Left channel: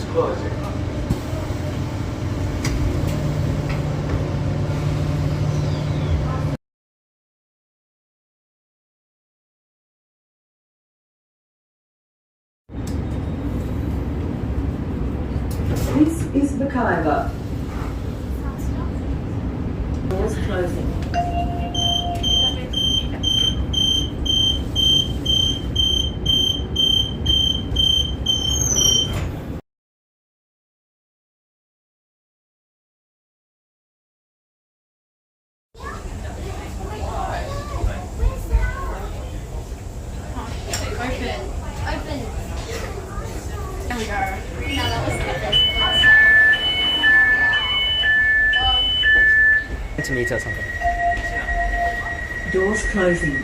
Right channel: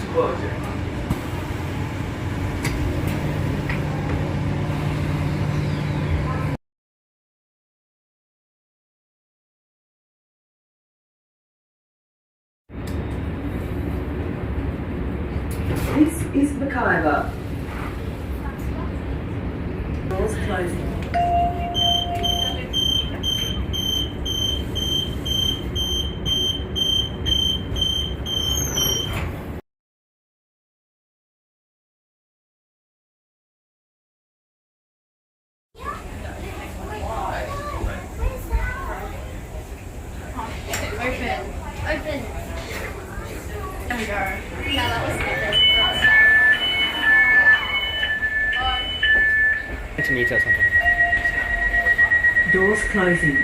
Doors closing. This is Mackayver. Doors closing. Open. There we go. Yeah, that was good. To meet or something. Doors closing.